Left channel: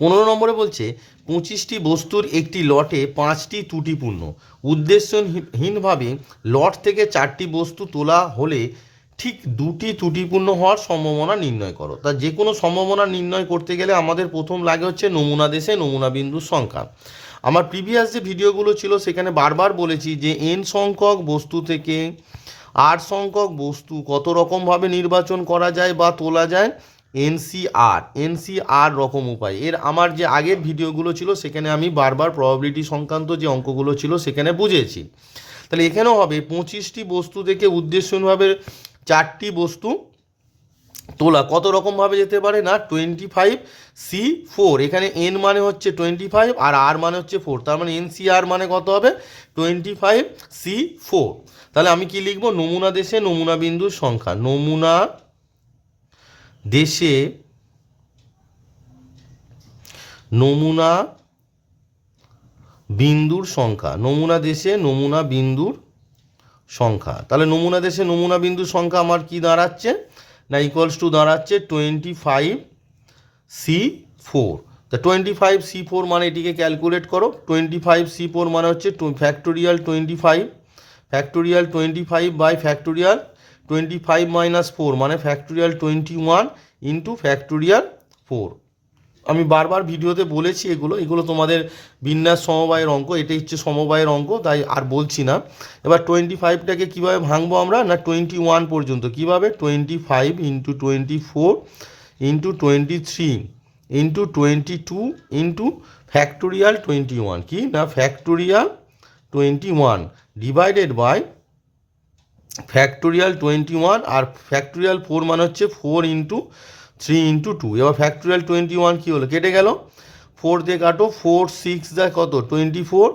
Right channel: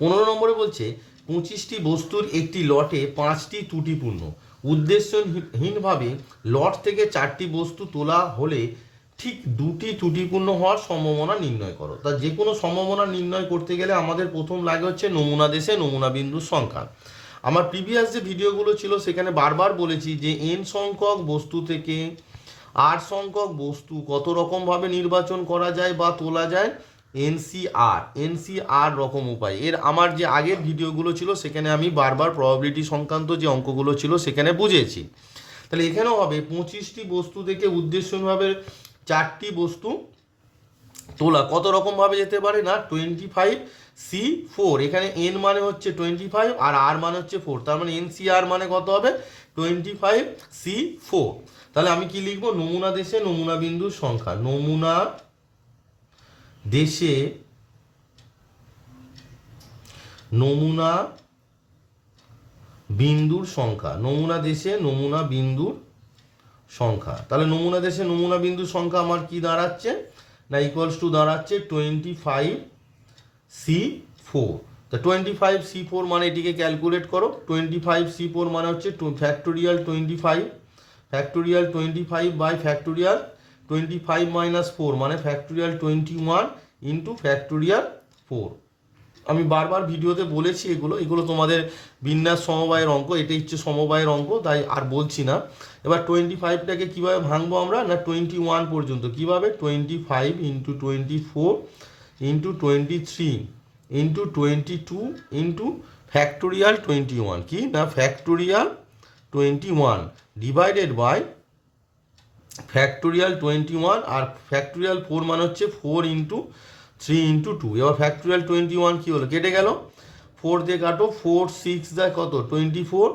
পনেরো নম্বরে বলছে, পঁচিশটি বস্তুর একটি লটে পাঁচটি ত্রুটিপূর্ণ। উদ্দেশ্যহীনভাবে লট থেকে চারটি বস্তু তোলা হলে ঠিক দুটি ত্রুটিপূর্ণ হওয়ার সম্ভাবনা নির্ণয় করো। তা যে কোনো সম্ভাবনা নির্ণয় করতে গেলে আমাদের প্রথম লাগে হচ্ছে নমুনা দেশে নমুনা বিন্দুর সংখ্যা। আমার প্রিভিয়াস যে ভিডিওগুলো ছিল সেখানে বারবার বলেছি যে এন সংখ্যক বস্তু থেকে আর সংখ্যক বস্তু কত রকমভাবে নির্বাচন করা যায় বা তোলা যায় এনসিআর এনসিআর রকম উপায়। এর আমার যে আগের ভিডিওগুলো ছিল, সেখানে আমি বারবার প্রবাবিলিটি সংক্রান্ত যে অঙ্কগুলো ছিল, সেখানে বুঝেছি। তাহলে এখানেও হবে, পঁচিশটি বস্তু থেকে উদ্দেশ্যভাবে চারটি বস্তু তোলা। কত রকমভাবে যেতে পারে না? টোয়েন্টি ফাইভ সি ফোর এখানে এন মানে হচ্ছে টোয়েন্টি ফাইভ আর আর মানে হচ্ছে ফোর তার মানে এন সি আর মানে কত হবে? টোয়েন্টি ফাইভ সি ফোর তাহলে আমি কি লিখব? নমুনা দেশে নমুনা বিন্দুর সংখ্যা। নমুনা দেশে নমুনা বিন্দুর সংখ্যা, নমুনা দেশে নমুনা বিন্দুর সংখ্যা। তাহলে নমুনা দেশে নমুনা বিন্দুর সংখ্যা আমার কি দাঁড়াচ্ছে? না ইকুয়ালস টু দাঁড়াচ্ছে টোয়েন্টি ফাইভ সি ফোর তা টোয়েন্টি ফাইভ সি ফোর মানে এটিকে ক্যালকুলেট করো। টোয়েন্টি ফাইভ সি ফোর মানে হচ্ছে factorial twenty five factorial twenty five by factorial twenty five minus four মানে factorial twenty one into factorial four আমি বারবার ভিডিওতে বলেছি এগুলো এগুলো তোমাদের বিন্যাস সমবায়ের অঙ্ক, এটাই হচ্ছে সমবায়ের অঙ্ক, তাই আর বলছি না। এবার টোয়েন্টি ফাইভটাকে কীভাবে ভাঙবো আমরা? না টোয়েন্টি ওয়ান পর্যন্ত? কীভাবে? Twenty five into twenty four into twenty three into twenty two into factorial twenty one কি? না factorial twenty one divided by factorial twenty one R factorial four মানে হচ্ছে four into three into two এবার factorial twenty one কী হলো? কেটে গেল। Four দিয়ে কাটো ফোর সিক্স যা কত? টোয়েন্টি ফোর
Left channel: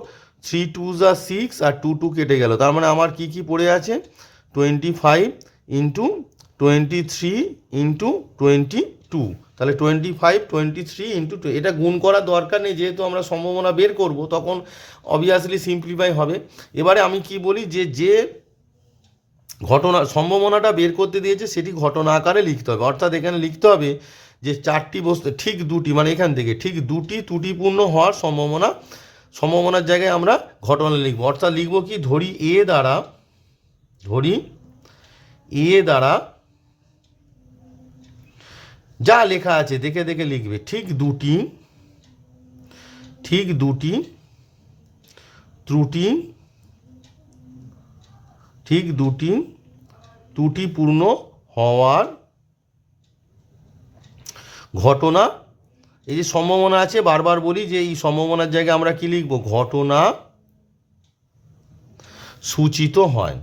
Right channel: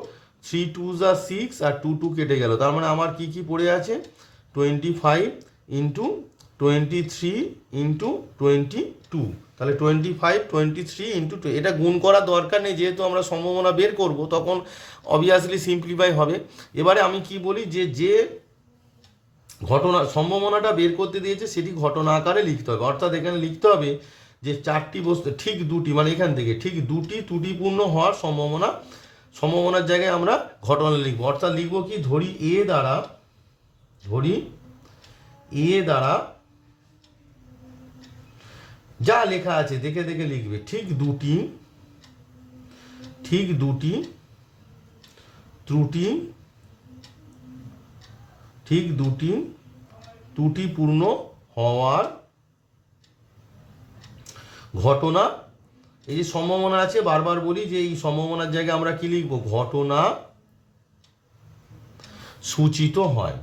থ্রি টু যা সিক্স আর টু টু কেটে গেল। তার মানে আমার কী কী পড়ে আছে? Twenty five into twenty three into twenty two তাহলে twenty five twenty three into two এটা গুণ করার দরকার নেই, যেহেতু আমরা সম্ভাবনা বের করব, তখন অবভিয়াসলি সিম্পলিফাই হবে। এবারে আমি কি বলি যে যে ঘটনা, সম্ভাবনাটা বের করতে দিয়েছে, সেটি ঘটনা আকারে লিখতে হবে। অর্থাৎ এখানে লিখতে হবে যে চারটি বস্তু, ঠিক দুটি মানে এখান থেকে, ঠিক দুটি ত্রুটিপূর্ণ হওয়ার সম্ভাবনা, সম্ভাবনার জায়গায় আমরা ঘটনা লিখব। অর্থাৎ লিখব কি, ধরি এ দ্বারা, ধরি এ দ্বারা যা লেখা আছে, দেখে দেখে লিখবে, ঠিক দুটি ঠিক দুটি ত্রুটি ঠিক দুটি ত্রুটিপূর্ণ হওয়ার ঘটনা। এই যে সম্ভাবনা আছে, বারবার বলি যে এই সম্ভাবনার জায়গায় আমরা কি লিখব? ঘটনা সূচিত হয়।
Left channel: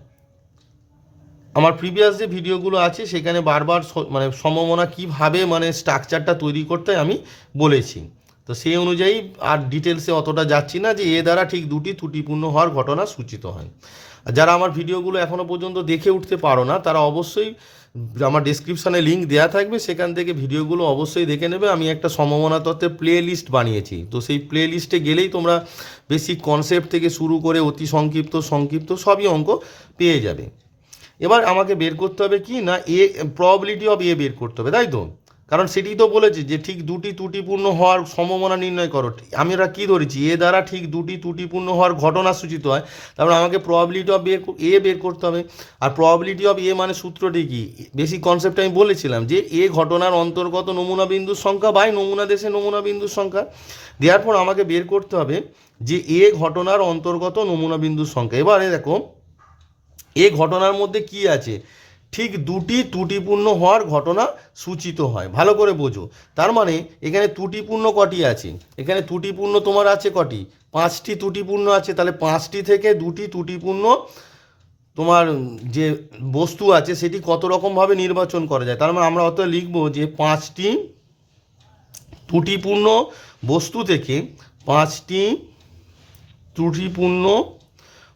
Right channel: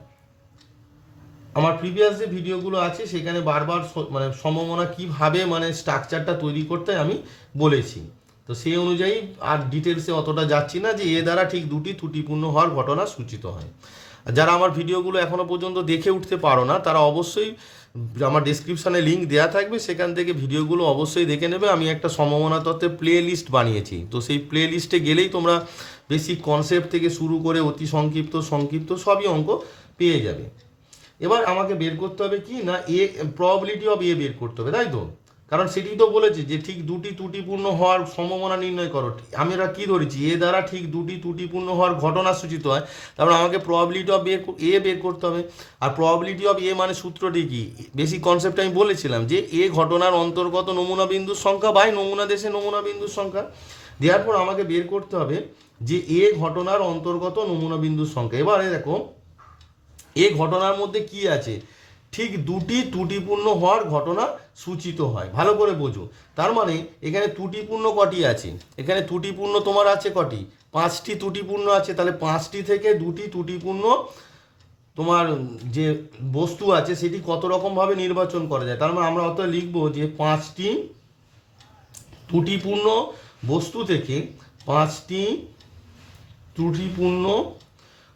আমার প্রিভিয়াস যে ভিডিওগুলো আছে, সেখানে বারবার মানে সম্ভাবনা কীভাবে মানে স্ট্রাকচারটা তৈরি করতে আমি বলেছি। তো সেই অনুযায়ী আর ডিটেলসে অতটা যাচ্ছি না যে এ দ্বারা ঠিক দুটি ত্রুটিপূর্ণ হওয়ার ঘটনা সূচিত হয়। যারা আমার ভিডিওগুলো এখনও পর্যন্ত দেখে উঠতে পারো না, তারা অবশ্যই আমার ডিসক্রিপশানে লিঙ্ক দেওয়া থাকবে, সেখান থেকে ভিডিওগুলো অবশ্যই দেখে নেবে। আমি একটা সম্ভাবনা তত্ত্বের প্লে লিস্ট বানিয়েছি। তো সেই প্লে লিস্টে গেলেই তোমরা বেসিক কনসেপ্ট থেকে শুরু করে অতি সংক্ষিপ্ত সংক্ষিপ্ত সবই অঙ্ক পেয়ে যাবে। এবার আমাকে বের করতে হবে কি? না এ প্রবাবিলিটি অফ এ বের করতে হবে, তাই তো? কারণ সেটি তো বলেছে যে ঠিক দুটি ত্রুটিপূর্ণ হওয়ার সম্ভাবনা নির্ণয় করো। আমরা কি ধরেছি? এ দ্বারা ঠিক দুটি ত্রুটিপূর্ণ হওয়ার ঘটনা সূচিত হয়, তারপর আমাকে প্রবাবিলিটি অফ বের এ বের করতে হবে। আর প্রবাবিলিটি অফ এ মানে সূত্রটি কি? বেসিক কনসেপ্ট আমি বলেছিলাম যে এ ঘটনার অন্তর্গত নমুনা বিন্দুর সংখ্যা বাই নমুনা দেশে নমুনা বিন্দুর সংখ্যা। দেওয়ার পর আমাকে বের করতে হবে যে এ ঘটনার অন্তর্গত নমুনা বিন্দুর সংখ্যা। এবারে দেখো এ ঘটনার মধ্যে কি আছে? ঠিক দুটি ত্রুটিপূর্ণ হওয়ার ঘটনা সূচিত হয়। ভালো করে বোঝো। তার মানে এখানে ত্রুটিপূর্ণ কটি আছে? এখানে ত্রুটিপূর্ণ তোমার আছে কটি? পাঁচটি ত্রুটিপূর্ণ আছে। তাহলে পাঁচটি থেকে দুটি ত্রুটিপূর্ণ তোমার যে বস্তু আছে, সেটি কত রকমভাবে নির্বাচন করা যায়? তার মানে আমরা অত লিখব যে পাঁচটি ত্রুটিপূর্ণ বস্তু থেকে, পাঁচটি ত্রুটিপূর্ণ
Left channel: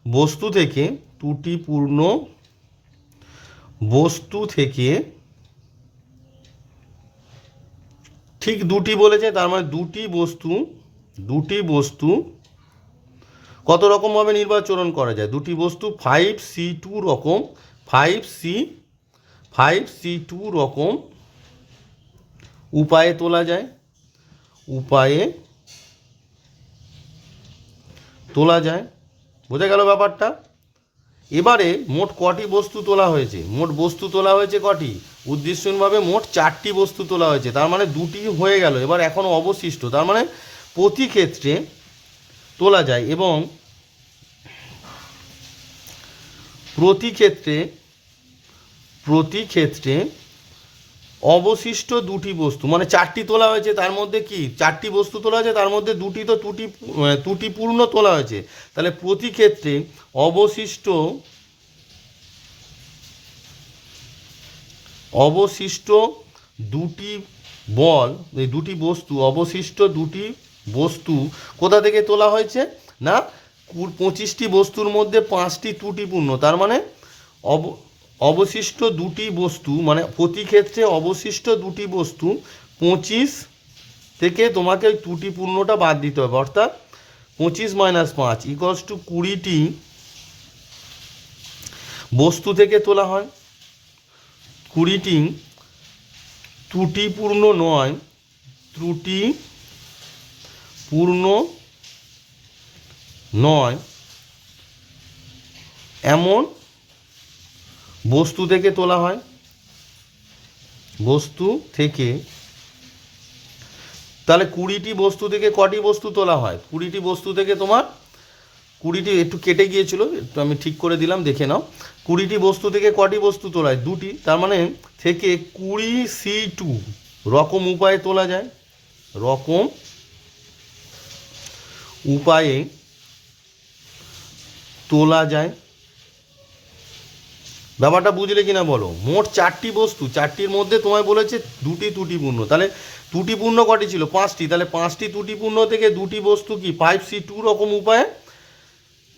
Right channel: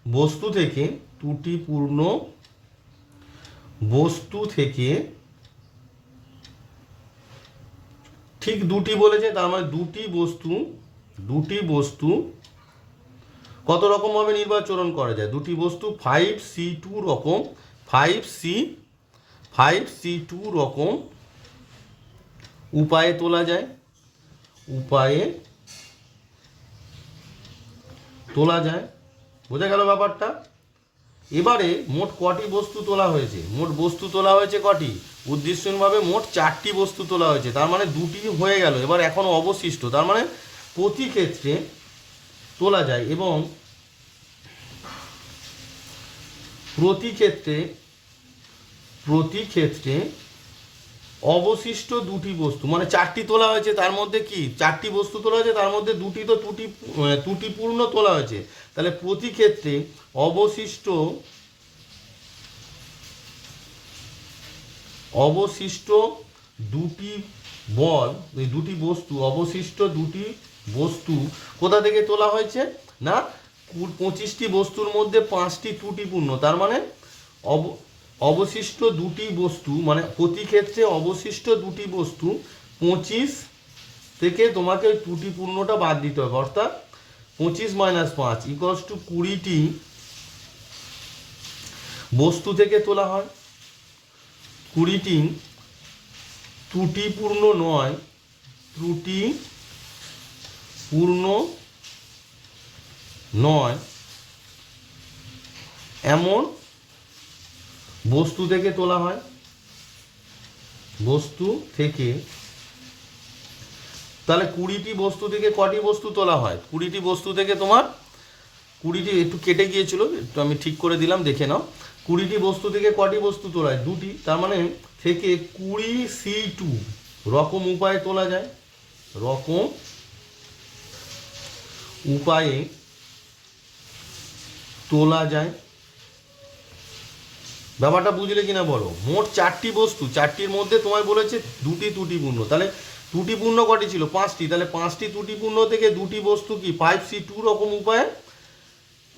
বস্তু থেকে ত্রুটিপূর্ণ বস্তু থেকে ঠিক দুটি বলেছে, তার মানে দুটি বস্তু দুটি বস্তু কত রকমভাবে নির্বাচন করা যায়? দুটি বস্তু ফাইভ সি টু রকম five C five C two রকম উপায়ে তোলা যায়, উপায়ে তোলা যায়। বোঝা গেল ব্যাপারটা? এবারে মোট কটি বস্তু তোলা হয়েছে? মোট বস্তু তোলা হয়েছে কটি? উদ্দেশ্যভাবে মোট চারটি বস্তু তোলা হয়েছে। তার মানে দুটি হয়ে গেল। এবার এখনও অবশিষ্ট। তার মানে প্রতি ক্ষেত্রে তোলা যায় এবং প্রতি ক্ষেত্রে প্রতি ক্ষেত্রে অবশিষ্ট দুটি বস্তু মানে চারটি তোলা হয়েছে, তার মধ্যে কি? চারটি বস্তু তোলা হয়েছে, তার মধ্যে দুটি তো ত্রুটি ত্রুটিপূর্ণ তোলা হয়েছে। তাহলে প্রতি ক্ষেত্রে অবশিষ্ট অবশিষ্ট দুটি বল, এই দুটি বস্তু, অবশিষ্ট দুটি বস্তু কোথা থেকে তোলা হয়েছে? না পঁচিশটি বস্তুর মধ্যে পাঁচটি ত্রুটিপূর্ণ, তার মানে অব অবশিষ্ট দুটি বস্তু মানে প্রতি ক্ষেত্রে অবশিষ্ট দুটি বস্তু, পঁচিশ থেকে তোমাকে ত্রুটিপূর্ণটা বাদ দিতে হবে, অর্থাৎ পঁচিশ মাইনাস পাঁচ ইকলস টু কুড়িটি বস্তু থেকে তোলা হয়। কুড়িটি ত্রুটিপূর্ণ নয়, ত্রুটি পূর্ণ নয়, এমন বস্তু থেকে তোলা হয়। বস্তু থেকে তাহলে কুড়িটি বস্তু থেকে কটি বস্তু তোলা হয়? কুড়িটি বস্তু থেকে তোমার কুড়িটি একটু কেটে গিয়েছিল, একটু আমি ঠিক করে দিলাম, দেখে নাও। কুড়িটি বস্তু থেকে কটি বস্তু তোলা হয়? দুটি, তার মানে থেকে কুড়ি সি টু রকম উপায়ে তোলা যায়। রকম উপায়ে তোলা যায়। ব্যাপারটা বুঝলে কিনা বলো? মোট চারটি বস্তু, চারটির মধ্যে তোমায় বলেছে দুটি ত্রুটিপূর্ণ। তাহলে ত্রুটিপূর্ণ কটি ছিল? পাঁচটি। তাহলে পাঁচটি ত্রুটিপূর্ণ থেকে দুটি বস্তু কি? ফাইভ সি টু রকম উপায়ে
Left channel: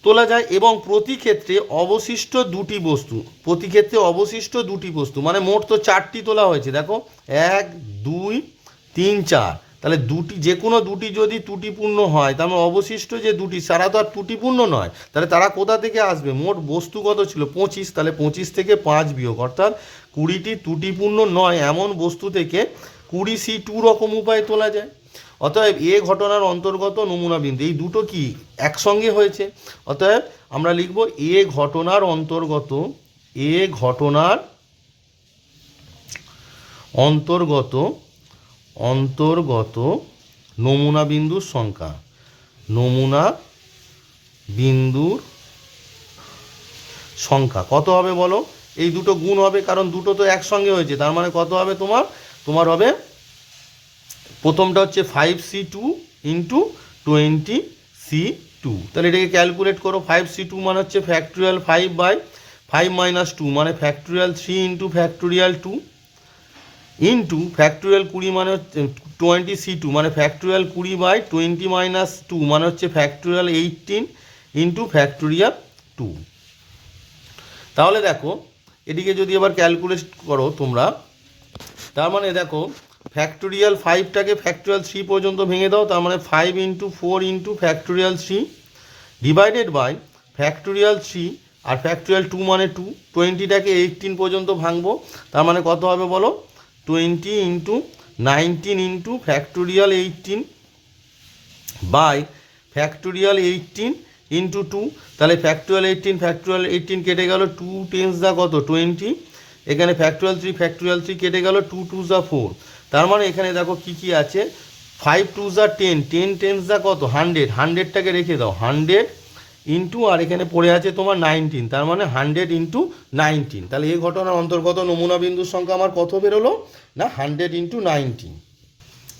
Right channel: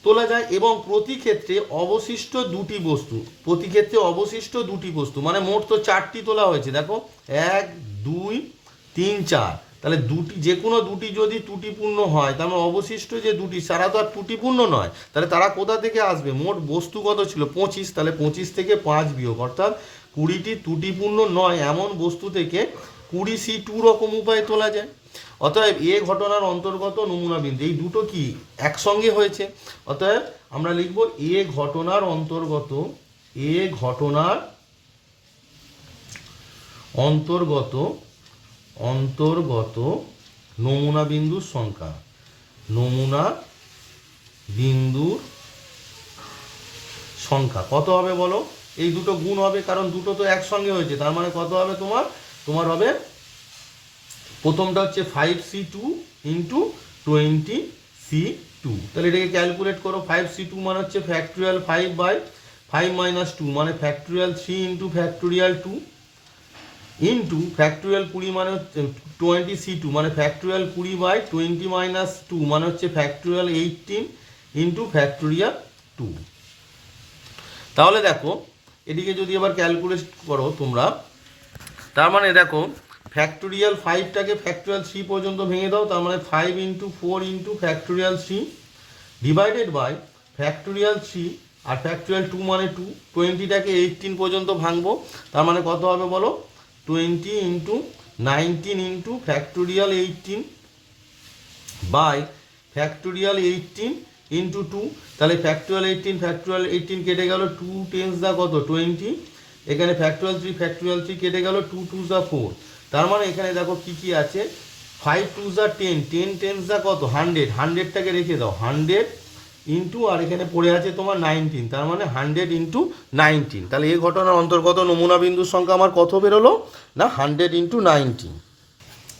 তোলা যায় এবং প্রতি ক্ষেত্রে অবশিষ্ট দুটি বস্তু, প্রতি ক্ষেত্রে অবশিষ্ট দুটি বস্তু মানে মোট তো চারটি তোলা হয়েছে। দেখো, এক, দুই, তিন, চার। তাহলে দুটি, যে কোনো দুটি যদি ত্রুটিপূর্ণ হয়, তার মানে অবশিষ্ট যে দুটি, সারা তো আর ত্রুটিপূর্ণ নয়, তাহলে তারা কোথা থেকে আসবে? মোট বস্তু কত ছিল পঁচিশ, তাহলে পঁচিশ থেকে পাঁচ বিয়োগ, অর্থাৎ কুড়িটি ত্রুটিপূর্ণ নয়, এমন বস্তু থেকে কুড়ি সি টু রকম উপায়ে তোলা যায়। অতএব এ ঘটনার অন্তর্গত নমুনা বিন্দু, এই দুটো কি একসঙ্গে হয়েছে? অতএব আমরা লিখব এ ঘটনার অন্তর্গত, এ ঘটনার অন্তর্গত অন্তর্গত নমুনা বিন্দুর সংখ্যা। নমুনা বিন্দুর সংখ্যা। কত হবে বলো? এই দুটো গুণ হবে কারণ দুটো তো একসঙ্গে হয়েছে। তার মানে কত হবে তোমার? তোমার হবে প্রথমটা হচ্ছে five C two into twenty C two তাহলে এটাকে ক্যালকুলেট করো। ফাইভ সি টু মানে হচ্ছে factorial five by five minus two মানে factorial three into factorial two into factorial কুড়ি মানে হচ্ছে টোয়েন্টি সি টু মানে ফ্যাক্টোরিয়াল কুড়ি বাই টোয়েন্টি মাইনাস টু মানে হচ্ছে factorial eighteen into factorial two তাহলে দেখো এটিকে যদি আবার ক্যালকুলেট করো তোমরা, তার মানে দেখো ফ্যাক্টোরিয়াল ফাইভটাকে ফ্যাক্টোরিয়াল থ্রি পর্যন্ত ভেঙে দাও, তার মানে five into four into factorial three divided by factorial three R factorial two মানে টু টোয়েন্টিটাকে এইটিন পর্যন্ত ভাঙবো, তার মানে কত হবে বলো? Twenty into nineteen into factorial eighteen by factorial eighteen into two. তাহলে ফ্যাক্টোরিয়াল এইটিন ফ্যাক্টোরিয়াল এইটিন কেটে গেল টু টেন্স দা কত? টোয়েন্টি। এখানে ফ্যাক্টোরিয়াল থ্রি ফ্যাক্টোরিয়াল থ্রি কেটে গেল টু টু যা ফোর। তার মানে এখানে দেখো কী কী আছে? ফাইভ, টু যা টেন। টেন টেন্স দা কত? হান্ড্রেড। হান্ড্রেডটাকে রেখে দাও। হান্ড্রেড ইন্টু আর এখানে পড়ে আছে তোমার নাইনটিন তার মানে হান্ড্রেড ইন্টু নাইনটিন তাহলে এই ঘটনার অন্তর্গত নমুনা বিন্দুর সংখ্যা আমার কত বেরোলো? না হান্ড্রেড ইন্টু নাইনটিন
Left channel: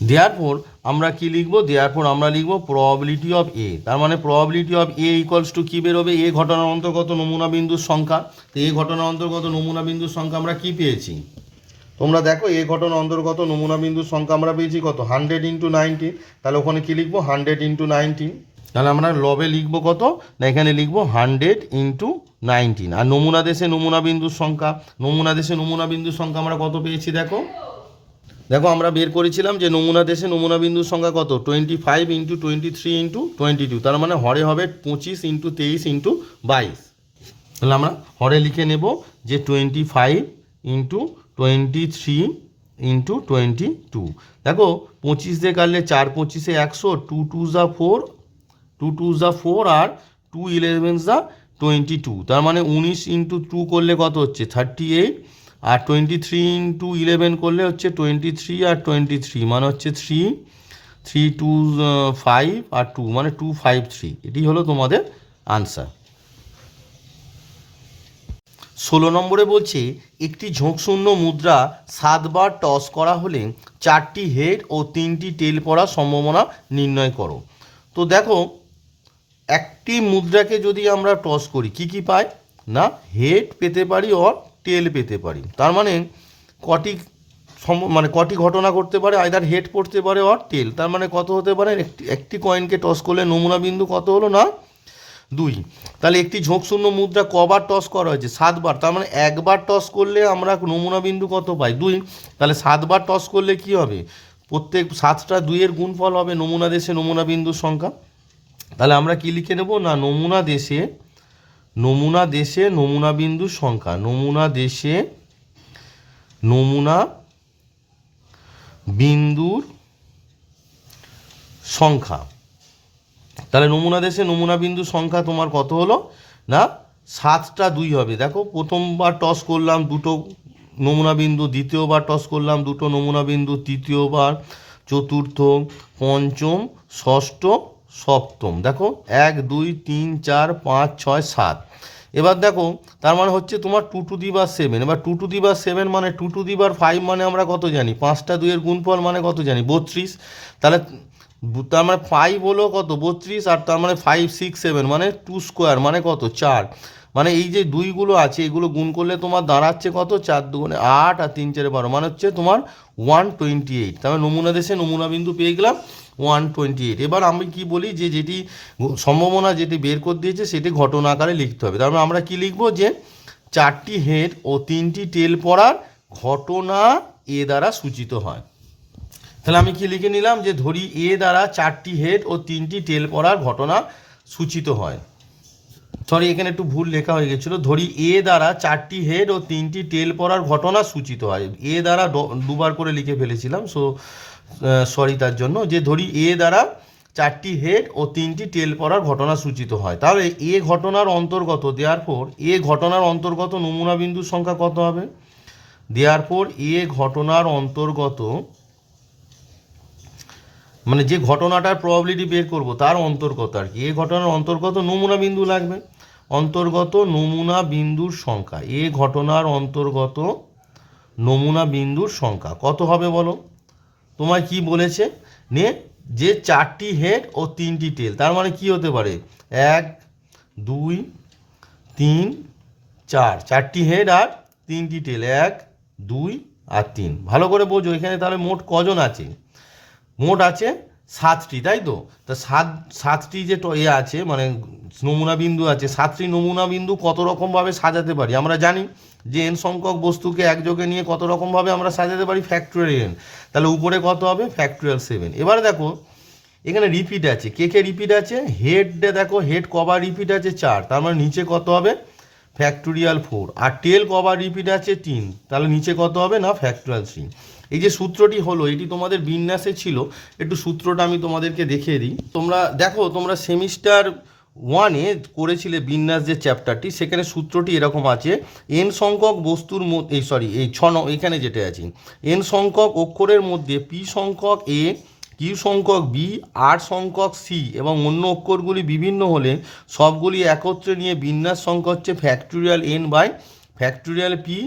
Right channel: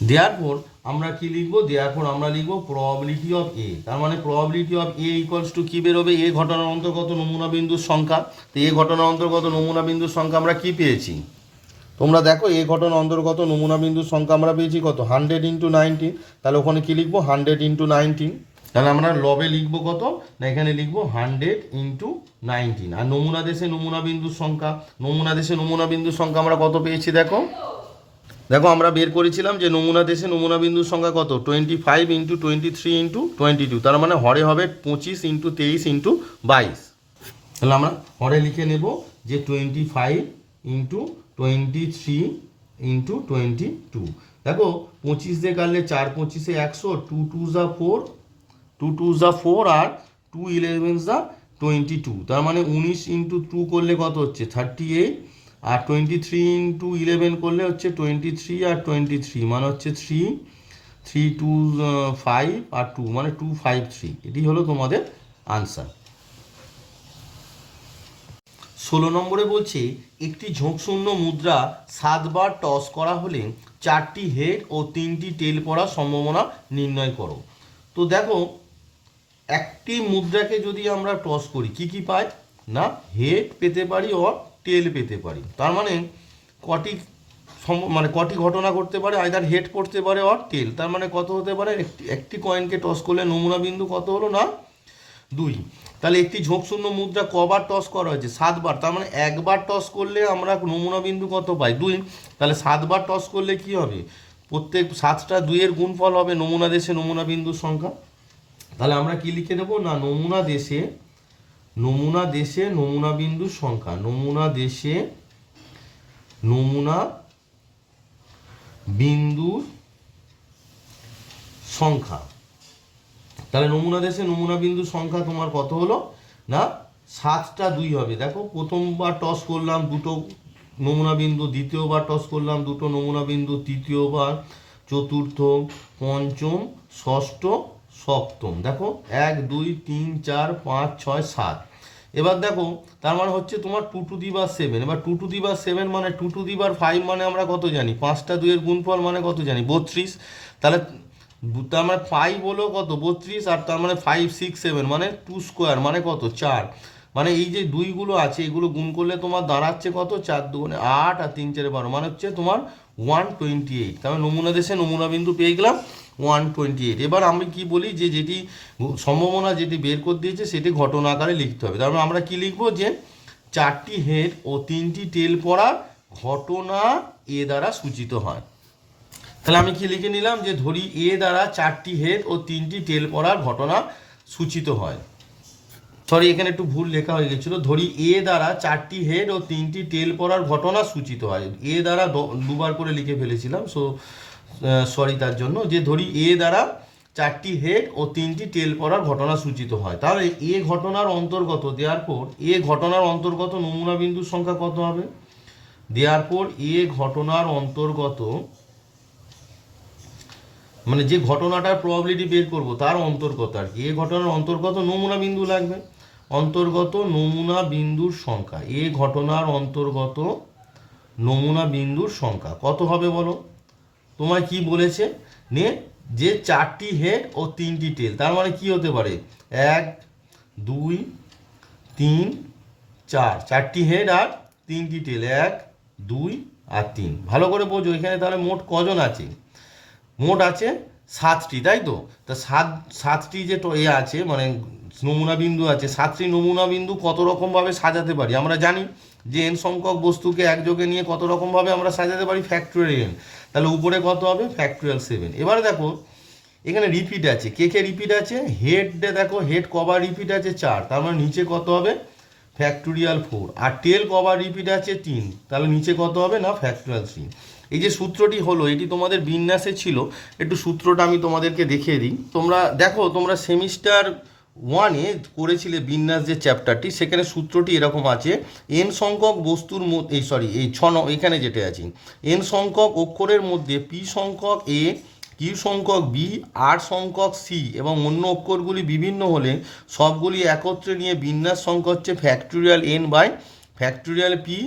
দেওয়ার পর আমরা কি লিখব? দেওয়ার পর আমরা লিখব প্রবাবিলিটি অফ এ তার মানে probability of A equals to কী বেরোবে? এ ঘটনার অন্তর্গত নমুনা বিন্দুর সংখ্যা। তো এ ঘটনার অন্তর্গত নমুনা বিন্দুর সংখ্যা আমরা কি পেয়েছি? তোমরা দেখো, এ ঘটনা অন্তর্গত নমুনা বিন্দুর সংখ্যা আমরা পেয়েছি কত? হান্ড্রেড ইন্টু নাইনটিন তাহলে ওখানে কি লিখব? হান্ড্রেড ইন্টু নাইনটিন তাহলে আমরা লবে লিখব কত? না এখানে লিখব হান্ড্রেড ইন্টু নাইনটিন। আর নমুনা দেশে নমুনা বিন্দুর সংখ্যা। নমুনা দেশে নমুনা বিন্দুর সংখ্যা আমরা কত পেয়েছি দেখো? দেখো, আমরা বের করেছিলাম যে নমুনা দেশে নমুনা বিন্দুর সংখ্যা কত? Twenty five into twenty three into twenty two তার মানে হরে হবে পঁচিশ ইন্টু তেইশ ইন্টু বাইশ। তাহলে আমরা হরে লিখে নেব যে twenty five into twenty three into twenty two দেখো, পঁচিশ দিয়ে কাটলে চার, পঁচিশে একশো টু টু যা ফোর টু টু যা ফোর আর টু ইলেভেন যা টোয়েন্টি টু তার মানে উনিশ ইন্টু টু করলে কত হচ্ছে? থার্টি এইট আর টোয়েন্টি থ্রি ইন্টু ইলেভেন করলে হচ্ছে টোয়েন্টি থ্রি আর টোয়েন্টি থ্রি মানে হচ্ছে থ্রি থ্রি টু ফাইভ আর টু মানে টু ফাইভ থ্রি এটি হলো তোমাদের আনসার ষোলো নম্বরে বলছে, একটি ঝোঁকশূন্য মুদ্রা সাতবার টস করা হলে চারটি হেড ও তিনটি টেল পড়ার সম্ভাবনা নির্ণয় করো। তো দেখো একটি মুদ্রাকে যদি আমরা টস করি, কি কি পাই? না হেড পেতে পারি অর টেল পেতে পারি। তার মানে কটি মানে কটি ঘটনা করতে পারে আইদার হেড পড়তে পারে অর টেল তার মানে কত হতে পারে? একটি একটি কয়েনকে টস করলে নমুনা বিন্দু কত হলো না? দুই। তাহলে একটি ঝোঁকশূন্য মুদ্রা কবার টস করা হয়েছে? সাতবার। তার মানে একবার টস করলে আমরা নমুনা বিন্দু কত পাই? দুই। তাহলে সাতবার টস করলে কি হবে? প্রত্যেক সাতটা দুইয়ের গুণফল হবে নমুনা দেশে নমুনা বিন্দুর সংখ্যা। তাহলে আমরা কি লিখে নেব? না, নমুনা দেশে নমুনা দেশে নমুনা বিন্দুর সংখ্যা। নমুনা দেশে নমুনা বিন্দুর সংখ্যা। তাহলে নমুনা দেশে নমুনা বিন্দুর সংখ্যা তোমার কত হলো? না, সাতটা দুই হবে। দেখো, প্রথমবার টস করলাম, দুটো নমুনা বিন্দু, দ্বিতীয়বার টস করলাম, দুটো নমুনা বিন্দু, তৃতীয়বার, চতুর্থ, পঞ্চম, ষষ্ঠ সপ্তম। দেখো, এক, দুই, তিন, চার, পাঁচ, ছয়, সাত। এবার দেখো, তার মানে হচ্ছে তোমার টু টু দি বার সেভেন এবার টু টু দি বার সেভেন মানে টু টু দি বার ফাইভ মানে আমরা কত জানি? পাঁচটা দুইয়ের গুণফল মানে কত জানি? বত্রিশ। তাহলে তার মানে ফাইভ হলো কত? বত্রিশ। আর তার মানে ফাইভ সিক্স সেভেন মানে টু স্কোয়ার মানে কত? চার। মানে এই যে দুইগুলো আছে, এগুলো গুণ করলে তোমার দাঁড়াচ্ছে কত? চার দুগুণে আট আর তিন চারে বারো। মানে হচ্ছে তোমার ওয়ান টোয়েন্টি এইট তাহলে নমুনা দেশে নমুনা বিন্দু পেয়ে গেলাম। ওয়ান টোয়েন্টি এইট এবার আমি কি বলি যে যেটি সম্ভাবনা যেটি বের করে দিয়েছে, সেটি ঘটনা আকারে লিখতে হবে। তার মানে আমরা কি লিখব যে চারটি হেড ও তিনটি টেল পড়ার ঘটনা এ দ্বারা সূচিত হয়। তাহলে আমি কি লিখে নিলাম যে ধরি এ দ্বারা চারটি হেড ও তিনটি টেল পড়ার ঘটনা সূচিত হয়। সরি এখানে একটু ভুল লেখা হয়ে গেছিল। ধরি এ দ্বারা চারটি হেড ও তিনটি টেল পড়ার ঘটনা সূচিত হয়। এ দ্বারা দুবার করে লিখে ফেলেছিলাম সো সরি তার জন্য যে ধরি এ দ্বারা চারটি হেড ও তিনটি টেল পড়ার ঘটনা সূচিত হয়। তাহলে এ ঘটনার অন্তর্গত দেওয়ার পর এ ঘটনার অন্তর্গত নমুনা বিন্দুর সংখ্যা কত হবে? দেওয়ার পর এ ঘটনার অন্তর্গত মানে যে ঘটনাটার প্রবাবিলিটি বের করব, তার অন্তর্গত আর কি। এ ঘটনার অন্তর্গত নমুনা বিন্দু লাগবে। অন্তর্গত নমুনা বিন্দুর সংখ্যা। এ ঘটনার অন্তর্গত নমুনা বিন্দুর সংখ্যা। কত হবে বলো? তোমায় কি বলেছে? নে, যে চারটি হেড ও তিনটি টেল। তার মানে কি হতে পারে? এক, দুই, তিন, চার। চারটি হেড আর তিনটি টেল। এক, দুই আর তিন। ভালো করে বোঝো, এখানে তাহলে মোট কজন আছে? মোট আছে সাতটি, তাই তো? তা সাত, সাতটি যে এ আছে মানে নমুনা বিন্দু আছে, সাতটি নমুনা বিন্দু কত রকমভাবে সাজাতে পারি? আমরা জানি যে এন সংখ্যক বস্তুকে একযোগে নিয়ে কত রকমভাবে আমরা সাজাতে পারি ফ্যাক্টরিয়াল তাহলে উপরে কত হবে? ফ্যাক্টরিয়াল সেভেন এবারে দেখো, এখানে রিপিট আছে। কে কে রিপিট আছে? হেডে দেখো হেড কবার রিপিট আছে? চার। তার মানে নিচে কত হবে? ফ্যাক্টোরিয়াল ফোর আর টেল কবার রিপিট আছে? তিন। তাহলে নিচে কত হবে না? ফ্যাক্টোরিয়াল থ্রি এই যে সূত্রটি হলো, এটি তোমাদের বিন্যাসে ছিল। একটু সূত্রটা আমি তোমাদেরকে দেখিয়ে দিই। তোমরা, দেখো, তোমরা সেমিস্টার ওয়ানে করেছিলে বিন্যাস যে চ্যাপ্টারটি, সেখানে সূত্রটি এরকম আছে, এন সংখ্যক বস্তুর এই সরি এই ছ ন- এখানে যেটা আছে, এন সংখ্যক অক্ষরের মধ্যে পি সংখ্যক এ, কিউ সংখ্যক বি, আর সংখ্যক সি এবং অন্য অক্ষরগুলি বিভিন্ন হলে সবগুলি একত্রে নিয়ে বিন্যাস সংখ্যা হচ্ছে factorial N by factorial P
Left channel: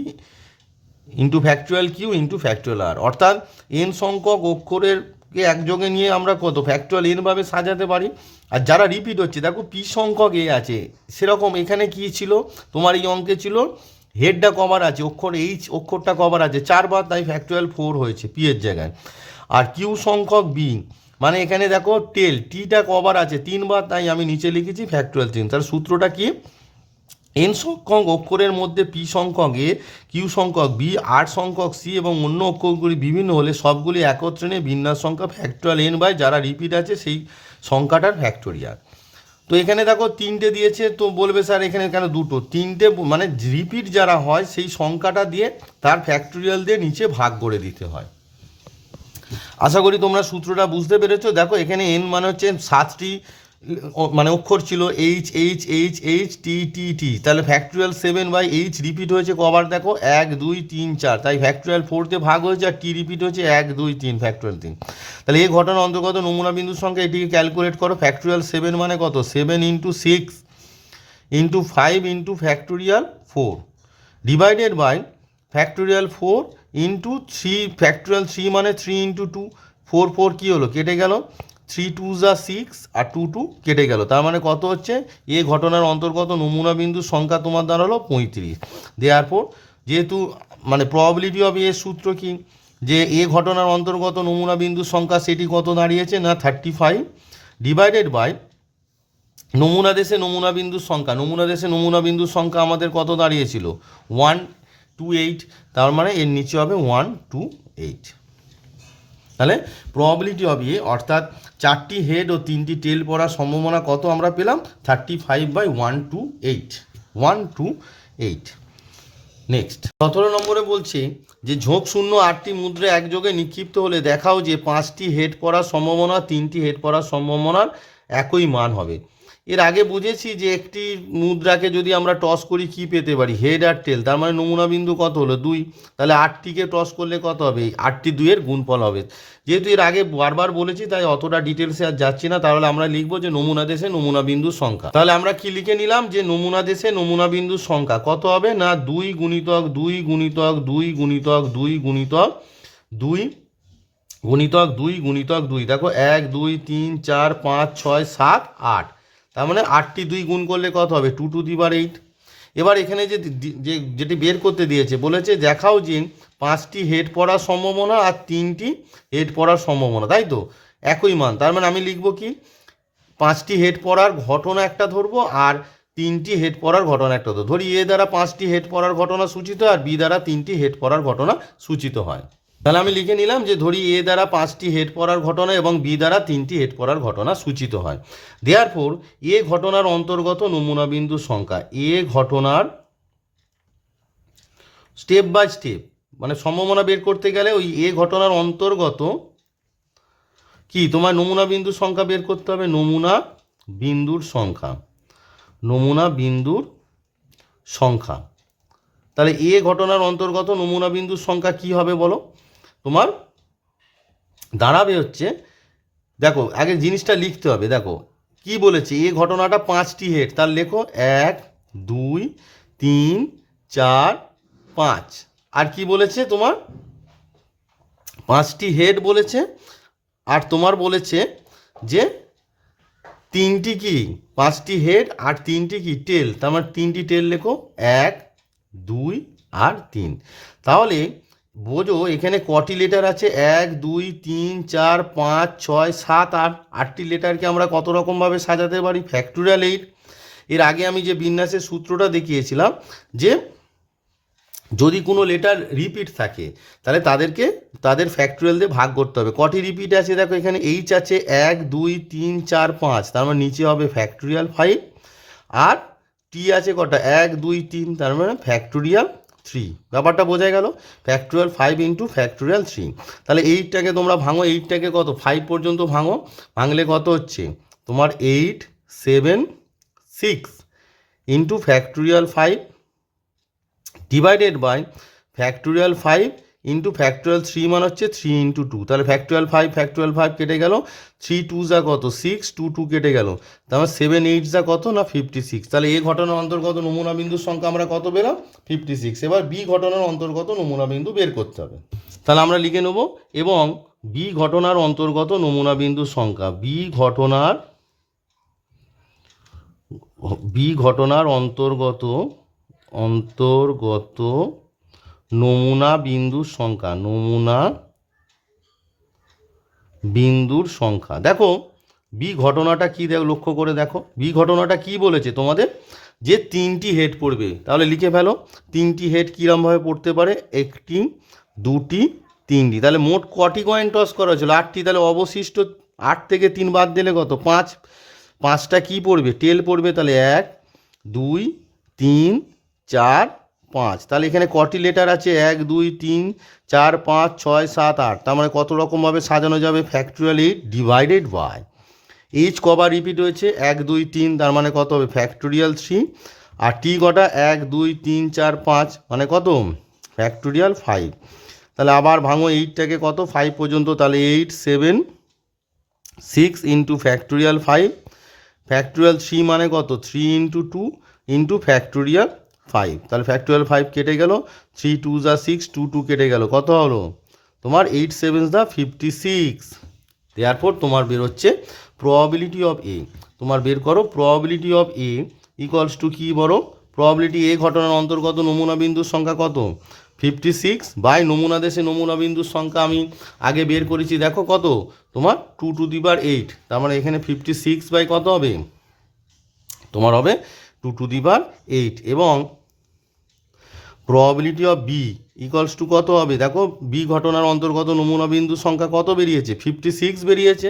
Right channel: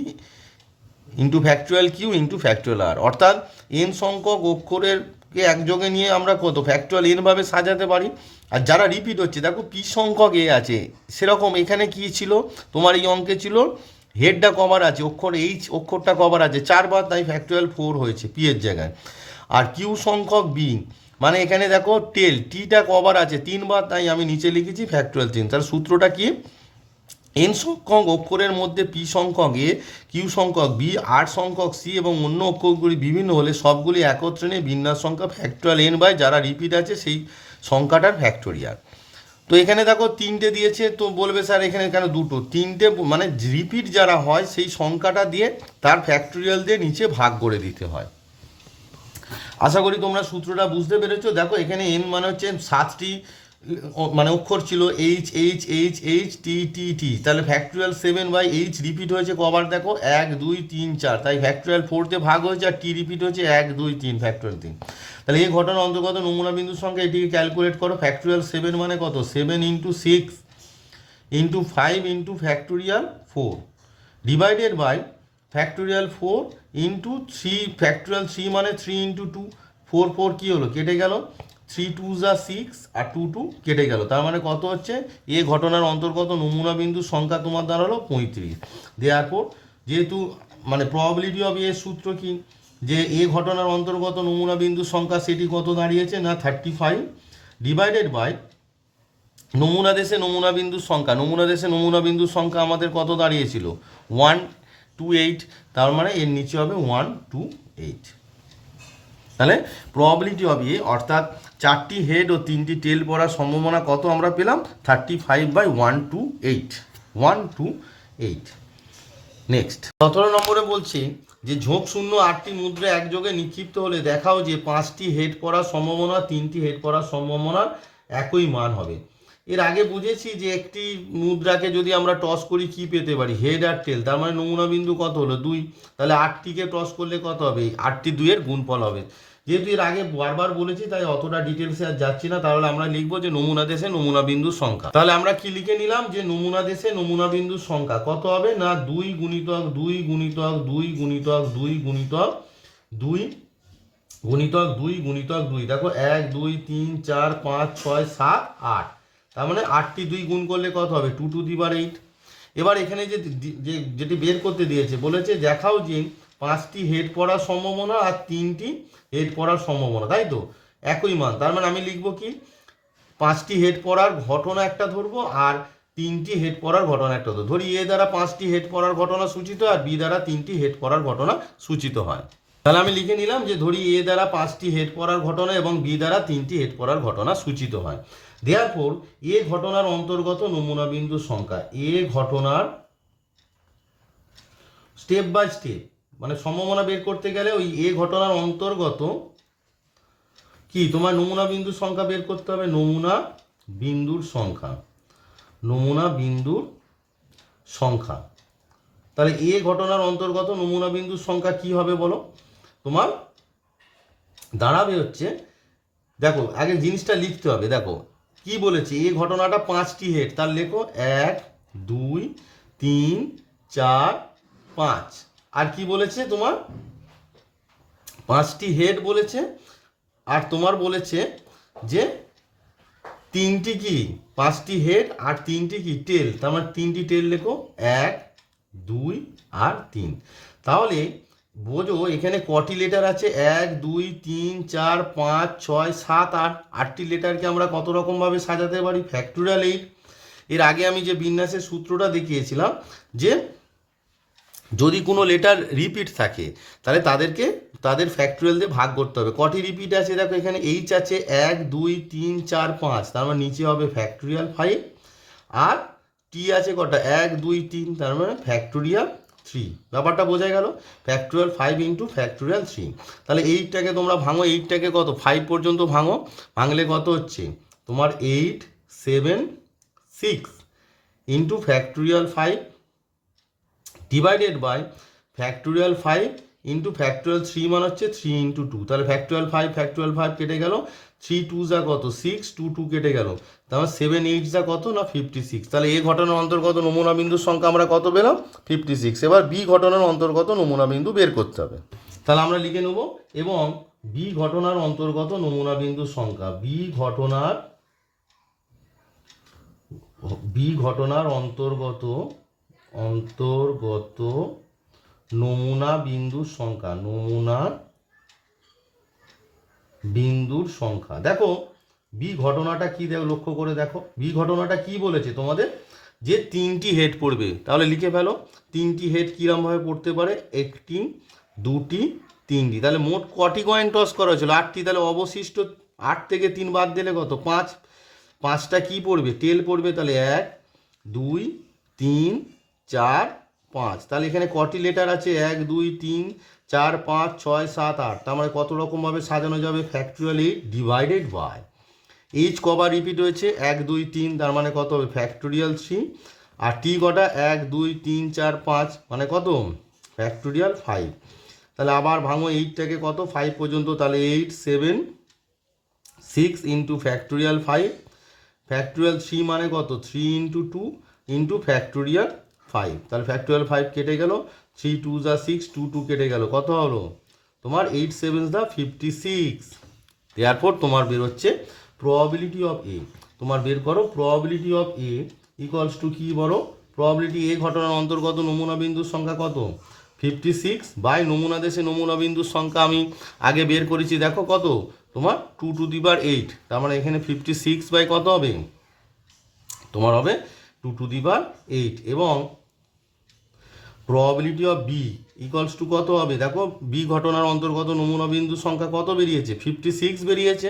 into factorial Q into factorial আর অর্থাৎ, এন সংখ্যক অক্ষরের কে একযোগে নিয়ে আমরা কত ফ্যাক্টুয়াল এন ভাবে সাজাতে পারি? আর যারা রিপিট হচ্ছে, দেখো পি সংখ্যক এ আছে। সেরকম এখানে কি ছিল? তোমার এই অঙ্কে ছিল হেডটা কভার আছে, অক্ষর এইচ অক্ষরটা কভার আছে। চারবার তাই ফ্যাক্টুয়াল ফোর হয়েছে পি এর জায়গায়। আর কিউ সংখ্যক বি মানে এখানে দেখো টেল টিটা কভার আছে, তিনবার তাই আমি নিচে লিখেছি ফ্যাক্টুয়াল তিন তার সূত্রটা কি? এন সংখ্যক অক্ষরের মধ্যে পি সংখ্যক এ কিউ সংখ্যক বি আর সংখ্যক সি এবং অন্য অক্ষরগুলি বিভিন্ন হলে সবগুলি একত্রে নিয়ে বিন্যাস সংখ্যা ফ্যাক্টুয়াল এন বাই যারা রিপিট আছে, সেই সংখ্যাটার ফ্যাক্টোরিয়াল তো এখানে দেখো তিনটে দিয়েছে, তো বলবে স্যার এখানে কেন দুটো? তিনটে মানে রিপিট যারা হয়, সেই সংখ্যাটা দিয়ে তার ফ্যাক্টোরিয়াল দিয়ে নিচে ভাগ করে দিতে হয়। আশা করি তোমরা সূত্রটা বুঝতে পেরেছ। দেখো এখানে এন মানে হচ্ছে সাতটি মানে অক্ষর ছিল H H H H T T T তাহলে factorial seven by H repeat হয়েছে কবার দেখো? এক, দুই, তিন, চার। তাই ফ্যাক্টরিয়াল ফোরতে ভাগ হয়েছে আর টি রিপিট হয়েছে এক, দুই, তিন ফ্যাক্টরিয়াল তিন। তাহলে এই ঘটনার অন্তর্গত নমুনা বিন্দুর সংখ্যা এটিকে ক্যালকুলেট করো। ফ্যাক্টরিয়াল সেভেন মানে কত? Seven into six into five into factorial four divided by factorial four into three factorial three মানে three into two four four কী হলো? কেটে গেল। থ্রি টু যা সিক্স আর টু টু কেটে গেল। তার মানে কত হচ্ছে? এ ঘটনার অন্তর্গত নমুনা বিন্দুর সংখ্যা তোমার দাঁড়াল পঁয়ত্রিশ। দেওয়ার পর যেহেতু মানে প্রবাবিলিটি অফ এর সূত্র কি? যে এ ঘটনার অন্তর্গত নমুনা বিন্দুর সংখ্যা সেটি কত দাঁড়িয়েছে? না থার্টি ফাইভ ডিভাইডেড বাই নমুনা দেশে নমুনা বিন্দুর সংখ্যা। নমুনা দেশে নমুনা বিন্দুর সংখ্যা আমাদের কত দাঁড়িয়েছিল? ওয়ান টু এইট তার মানে এর নিচে হবে ওয়ান টু এইট তাহলে প্রবাবিলিটি অফ এ অর্থাৎ চারটি হেড ও তিনটি টেল পড়ার সম্ভাবনা কত আমরা পেলাম? Thirty five by one two eight one two eight next সতেরো নম্বরে বলছে যে ঝোঁক শূন্য আটটি মুদ্রা একযোগে নিক্ষিপ্ত হলে দেখাও যে পাঁচটি হেড পড়ার সম্ভাবনা, তিনটি হেড পড়ার সম্ভাবনার একই মান হবে। এর আগে বুঝেছি যে একটি মুদ্রাকে যদি আমরা টস করি, কি পেতে পারি? হেড আর টেল তার মানে নমুনা বিন্দু কত হলো? দুই। তাহলে আটটিকে টস করলে কত হবে? আটটি দুইয়ের গুণফল হবে। যেহেতু এর আগে বারবার বলেছি, তাই অতটা ডিটেলসে আর যাচ্ছি না। তাহলে আমরা লিখব যে নমুনা দেশে নমুনা বিন্দুর সংখ্যা। তাহলে আমরা কি লিখে নিলাম? যে নমুনা দেশে নমুনা বিন্দুর সংখ্যা কত হবে? না, দুই গুণিতক দুই গুণিতক দুই গুণিতক দুই গুণিতক দুই গুণিতক দুই গুণিতক, দুই। দেখো, এক, দুই, তিন, চার, পাঁচ, ছয়, সাত, আট। তার মানে আটটি দুই গুণ করলে কত হবে? টু টু দিবার এইট এবার এখানে যে যেটি বের করতে দিয়েছে, বলেছে দেখাও যে পাঁচটি হেড পড়ার সম্ভাবনা আর তিনটি হেড পড়ার সম্ভাবনা, তাই তো? একই মান। তার মানে আমি লিখব কি? পাঁচটি হেড পড়ার ঘটনা একটা ধরবো আর তিনটি হেড পড়ার ঘটনা একটা ধরবো। ধরি এ দ্বারা পাঁচটি হেড পড়ার ঘটনা সূচিত আর বি দ্বারা তিনটি হেড পড়ার ঘটনা সূচিত হয়। তাহলে আমি লিখে নিলাম যে ধরি এ দ্বারা পাঁচটি হেড পড়ার ঘটনা এবং বি দ্বারা তিনটি হেড পড়ার ঘটনা সূচিত হয়। দেওয়ার পর এ ঘটনার অন্তর্গত নমুনা বিন্দুর সংখ্যা, এ ঘটনার স্টেপ বাই স্টেপ মানে সম্ভাবনা বের করতে গেলে ওই এ ঘটনার অন্তর্গত কি? তোমার নমুনা বিন্দুর সংখ্যা বের করতে হবে, নমুনা বিন্দুর সংখ্যা। নমুনা বিন্দুর সংখ্যা। তাহলে এ ঘটনার অন্তর্গত নমুনা বিন্দুর সংখ্যা কি হবে বলো? তোমার দাঁড়াবে হচ্ছে, দেখো, আগে জিনিসটা লিখতে হবে, দেখো, কি বলেছে? এ ঘটনাটা পাঁচটি হেড, তার লেখো এক, দুই, তিন, চার, পাঁচ। আর কি বলেছে তোমার? পাঁচটি হেড বলেছে, আর তোমার বলেছে যে তিনটি কি? পাঁচটি হেড আর তিনটি কি? টেল, তার মানে তিনটি টেল লেখো, এক, দুই আর তিন। তাহলে বোঝো, এখানে কটি লেটার আছে? এক, দুই, তিন, চার, পাঁচ, ছয়, সাত, আট। আটটি লেটারকে আমরা কত রকমভাবে সাজাতে পারি? ফ্যাক্টোরিয়াল এইট এর আগে আমি যে বিন্যাসের সূত্রটা দেখিয়েছিলাম যে যদি কোনো লেটার রিপিট থাকে, তাহলে তাদেরকে, তাদের ফ্যাক্টরিয়াল দিয়ে ভাগ করতে হবে। কটি রিপিট আছে? দেখো, এখানে এইচ আছে এক, দুই, তিন, চার, পাঁচ। তার মানে নিচে হবে ফ্যাক্টরিয়াল ফাইভ আর টি আছে কটা? এক, দুই, তিন। তার মানে ফ্যাক্টোরিয়াল থ্রি ব্যাপারটা বোঝা গেল factorial five into factorial three তাহলে এইটটাকে তোমরা ভাঙো এইটটাকে কত? ফাইভ পর্যন্ত ভাঙো। ভাঙলে কত হচ্ছে? তোমার eight seven six into factorial five divided by factorial five into factorial three মানে হচ্ছে থ্রি ইন্টু টু তাহলে ফ্যাক্টুয়াল ফাইভ ফ্যাক্টুয়াল ফাইভ কেটে গেল। থ্রি টু যা কত? সিক্স টু টু কেটে গেল। তারপর সেভেন এইট যা কত না ফিফটি সিক্স তাহলে এ ঘটনার অন্তর্গত নমুনা বিন্দুর সংখ্যা আমরা কত পেলাম? ফিফটি সিক্স এবার বি ঘটনার অন্তর্গত নমুনা বিন্দু বের করতে হবে। তাহলে আমরা লিখে নেব, এবং বি ঘটনার অন্তর্গত নমুনা বিন্দুর সংখ্যা বি ঘটনার বি ঘটনার অন্তর্গত অন্তর্গত নমুনা বিন্দুর সংখ্যা, নমুনা বিন্দুর সংখ্যা। দেখো বি ঘটনাটা কি দেখো, লক্ষ্য করে দেখো। বি ঘটনাটা কি বলেছে তোমাদের? যে তিনটি হেড পড়বে, তাহলে লিখে ফেলো, তিনটি হেড কীরমভাবে পড়তে পারে? একটি, দুটি, তিনটি। তাহলে মোট কটি কয়েন টস করা হয়েছিল? আটটি, তাহলে অবশিষ্ট আট থেকে তিন বাদ দিলে কত? পাঁচ। পাঁচটা কি পড়বে? টেল পড়বে তাহলে এক, দুই, তিন, চার পাঁচ। তাহলে এখানে কটি লেটার আছে? এক, দুই, তিন, চার, পাঁচ, ছয়, সাত, আট। তার মানে কত রকমভাবে সাজানো যাবে? ফ্যাক্টরিয়াল ডিভাইডেড বাই এইচ কবার রিপিট হয়েছে। এক, দুই, তিন, তার মানে কত হবে? ফ্যাক্টোরিয়াল থ্রি আর টি কটা? এক, দুই, তিন, চার, পাঁচ মানে কত? ফ্যাক্টোরিয়াল ফাইভ তাহলে আবার ভাঙো এইটটাকে কত? ফাইভ পর্যন্ত। তাহলে eight seven six into factorial five factorial three মানে কত? Three into two into factorial five তাহলে ফ্যাক্টোরিয়াল ফাইভ কেটে গেল থ্রি টু যা সিক্স টু টু কেটে গেল, কত হলো? তোমার এইট সেভেন দা ফিফটি সিক্স দেয়ারপর তোমার বেরোচ্ছে প্রবাবিলিটি অফ এ তোমার বের করো probability of A equals to কী বলো? প্রবাবিলিটি এ ঘটনার অন্তর্গত নমুনা বিন্দুর সংখ্যা কত? ফিফটি সিক্স বাই নমুনা দেশে নমুনা বিন্দুর সংখ্যা আমি আগে বের করেছি, দেখো কত? তোমার টু টু দি বার এইট তার মানে এখানে ফিফটি সিক্স বাই কত হবে? তোমার হবে টু টু দি বার এইট এবং probability of B equals to কত হবে? দেখো বি ঘটনার অন্তর্গত নমুনা বিন্দুর সংখ্যা কত বেরিয়েছে? ফিফটি সিক্স বেরিয়েছে।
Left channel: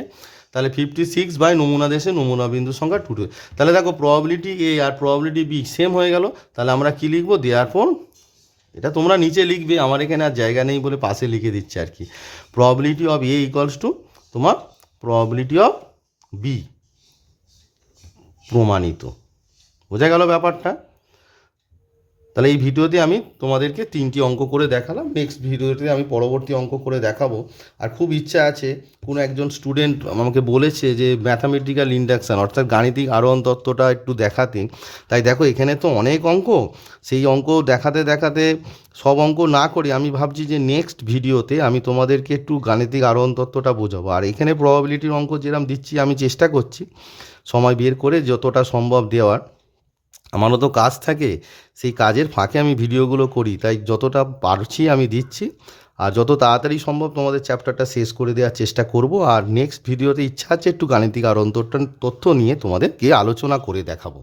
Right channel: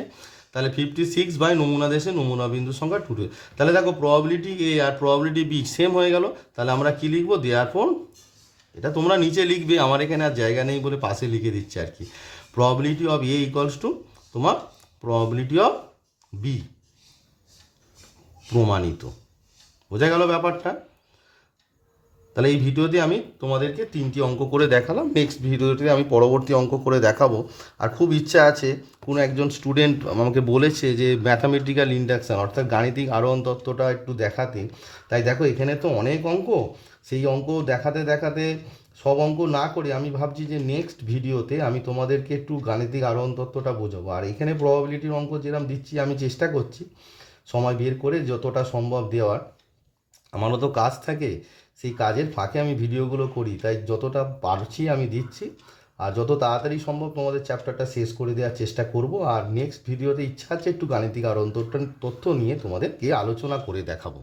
তাহলে ফিফটি সিক্স বাই নমুনা দেশে নমুনা বিন্দুর সংখ্যা টু তাহলে দেখো প্রবাবিলিটি এ আর প্রবাবিলিটি বি সেম হয়ে গেল। তাহলে আমরা কি লিখব? দেয়ার ফোন এটা তোমরা নিচে লিখবে। আমার এখানে আর জায়গা নেই বলে পাশে লিখে দিচ্ছে আর কি। Probability of A equals to তোমার প্রবাবিলিটি অফ বি প্রমাণিত। বোঝা গেল ব্যাপারটা? তাহলে এই ভিডিওতে আমি তোমাদেরকে তিনটি অঙ্ক করে দেখালাম। নেক্সট ভিডিওতে আমি পরবর্তী অঙ্ক করে দেখাবো। আর খুব ইচ্ছা আছে, কোনো একজন স্টুডেন্ট আমাকে বলেছে যে ম্যাথামেটিক্যাল ইন্ডাকশান অর্থাৎ গাণিতিক আরোহণ তত্ত্বটা একটু দেখাতে। তাই দেখো, এখানে তো অনেক অঙ্ক। সেই অঙ্ক দেখাতে দেখাতে সব অঙ্ক না করে আমি ভাবছি যে নেক্সট ভিডিওতে আমি তোমাদেরকে একটু গাণিতিক আরোহণ তত্ত্বটা বোঝাবো। আর এখানে প্রবাবিলিটির অঙ্ক যেরকম দিচ্ছি, আমি চেষ্টা করছি সময় বের করে যতটা সম্ভব দেওয়ার। আমারও তো কাজ থাকে, সেই কাজের ফাঁকে আমি ভিডিওগুলো করি। তাই যতটা পারছি আমি দিচ্ছি। আর যত তাড়াতাড়ি সম্ভব তোমাদের চ্যাপ্টারটা শেষ করে দেওয়ার চেষ্টা করব। আর নেক্সট ভিডিওতে ইচ্ছা আছে একটু গাণিতিক আর অন্তর্টন তথ্য নিয়ে তোমাদেরকে আলোচনা করে দেখাবো।